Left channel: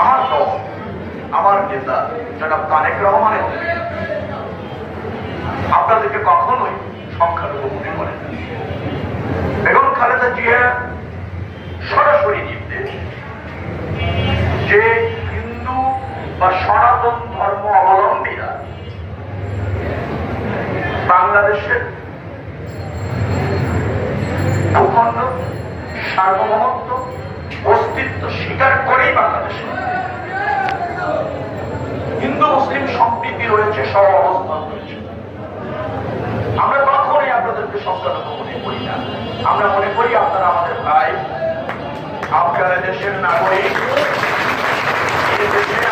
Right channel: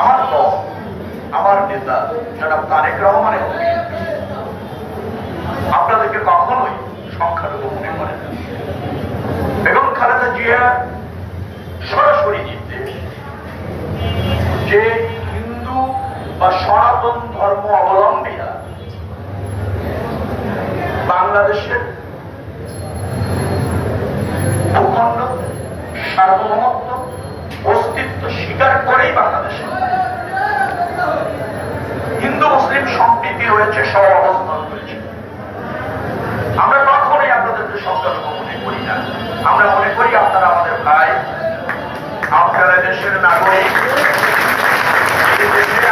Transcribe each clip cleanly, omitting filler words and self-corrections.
আমার দল, আমার নেতা জনাব তারেক রহমানের আপনাদেরকে কখনোই সংখ্যালঘু মনে করেন। বেগম খালেদা জিয়া সরাসরি নির্দেশ যে হিন্দু বা সনাতন ধর্ম অবলম্বীরা বাংলাদেশের ভূখণ্ড সার্বভৌমত্ব অস্তিত্ব স্বীকার করেই বাংলাদেশে হিন্দু মুসলিম সম্প্রীতি রয়েছে, সহ অবস্থান রয়েছে। আমরা কখনোই আপনাদেরকে সংখ্যালঘু মনে করি না। আমরা মনে করি আপনারা আমাদের ভাই, আপনারা দেশের নাগরিক,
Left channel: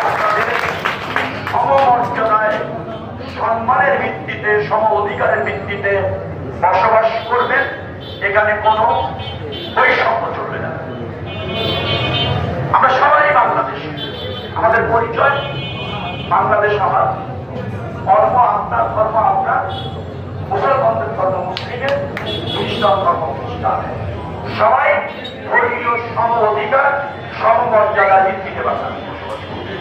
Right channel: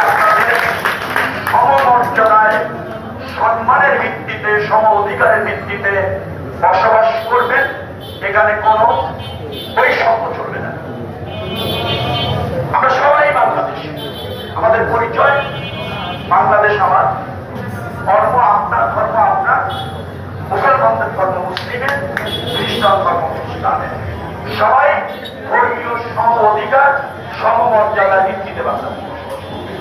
আপনাদের সমমর্যাদায় সম্মানের ভিত্তিতে সম অধিকারের ভিত্তিতে বসবাস করবেন। এখানে কোনো বৈষম্য চলবে না। আমরা সবাই বাংলাদেশি, আমাদের পরিচয় বাংলাদেশ আমার, ধর্ম আপনার, ধর্ম আপনার, মুসলমানদের ধর্ম মুসলিমের, খ্রিস্টান ধর্ম খ্রিস্টানের, সবাই ধর্মীয় সম অধিকার সমমর্যাদা ভিত্তিতে বাংলাদেশ বসবাস করবে।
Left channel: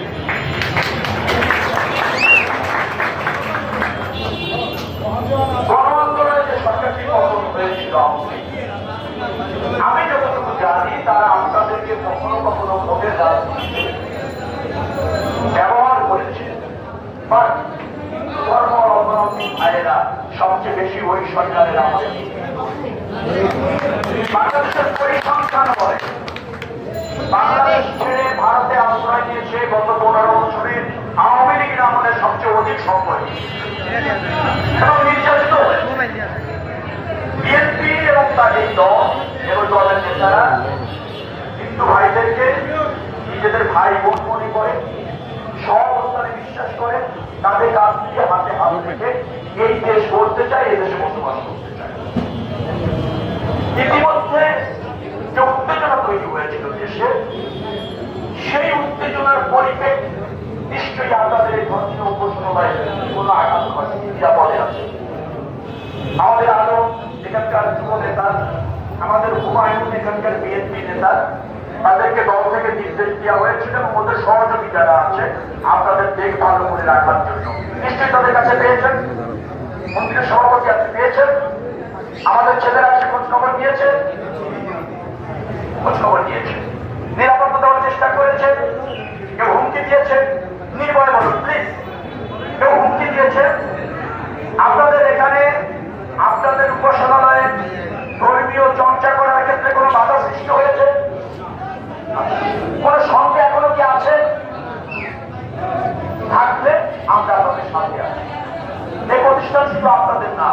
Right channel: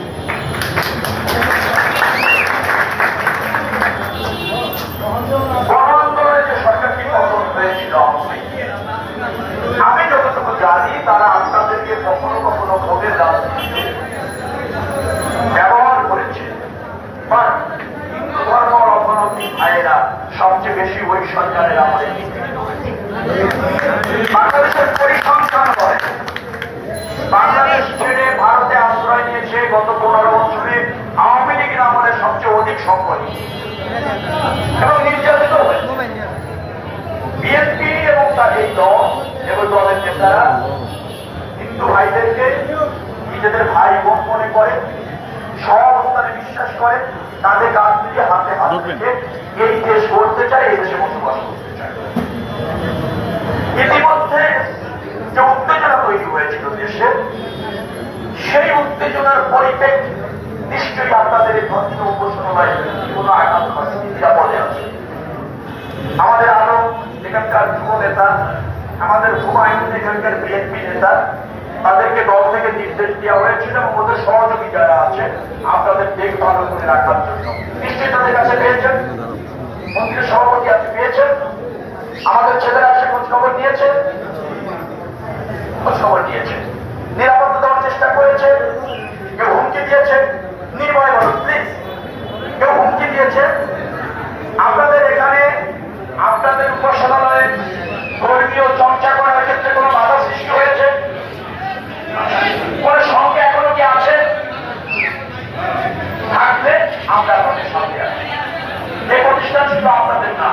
গণ আন্দোলনে যে সরকারটি পতন হয়েছিল, আমি যতটুকু জানি তারা আপনাদেরকে কখনো কখনো ভোটের রাজনীতিতে ব্যবহার করেছে। হিন্দু ধর্ম অবলম্বী ভাইয়েরা সবচেয়ে বেশি ওই সরকারের আমলে নিগৃহীত হয়েছে। বাংলাদেশের পরিসংখ্যান বলে বাংলাদেশ ছেড়ে ভারতে আশ্রয় নিয়েছে গত 15 বছরে আওয়ামী লীগের আমলে সবচেয়ে অধিক সম্পদ এবং নির্যাতিত হয়েছে। বিএনপি এবং তার এই দল এবং দলের নেতারা হিন্দু ভাইদেরকে নিজেদের ভাই বোন মনে করে, সহাবস্থানে বিশ্বাস করে, তাদের কাছ থেকে হাতে হাত রেখে এই দেশ গড়তে চায়, এই দেশে বসবাস করতে চায়। ইতিমধ্যে যে উত্তেজনা তৈরি হয়েছিল দেশে, সেই উত্তেজনার পরিপ্রেক্ষিতে নিশ্চয়ই আপনাদের এই ধর্মীয় উপাসনালয়ে কোনো আঘাত ঘটে নিরাপদে আছে। আমাদের আরো এখানকার যুব নেতা, আমাদের হুমায়ুন এখানকার বিএনপি নেতা, তাদেরকে দল থেকে নির্দেশ দেওয়া হয়েছিল এবং ওদের সহযোগী যারা আছে আপনাদের দেখভাল করে রাখার জন্য। নিশ্চয়ই তাদের কাছে পেয়েছেন, মন্ত্রীর সভাপতি আছে পেয়েছেন, আমাদের ছেলেরা এসে খোঁজ খবর নিয়েছে, নিরাপত্তা দেওয়ার চেষ্টা করেছে। কেউ হুমকি দিয়েছে, নির্ভয় বলুন প্লিজ, কেউ হুমকি দিয়েছে আপনাদের এখানে, আপনাদের উপাসনালয়ে ধর্মীয় চর্চা করার ক্ষেত্রে কোনো বাধা সৃষ্টি হয়েছে? কোন সংখ্যা এখনো কি আছে? থাকলে আমরা আপনাদের সাথে আছি। এই প্রতিষ্ঠান শুধু আপনাদের না,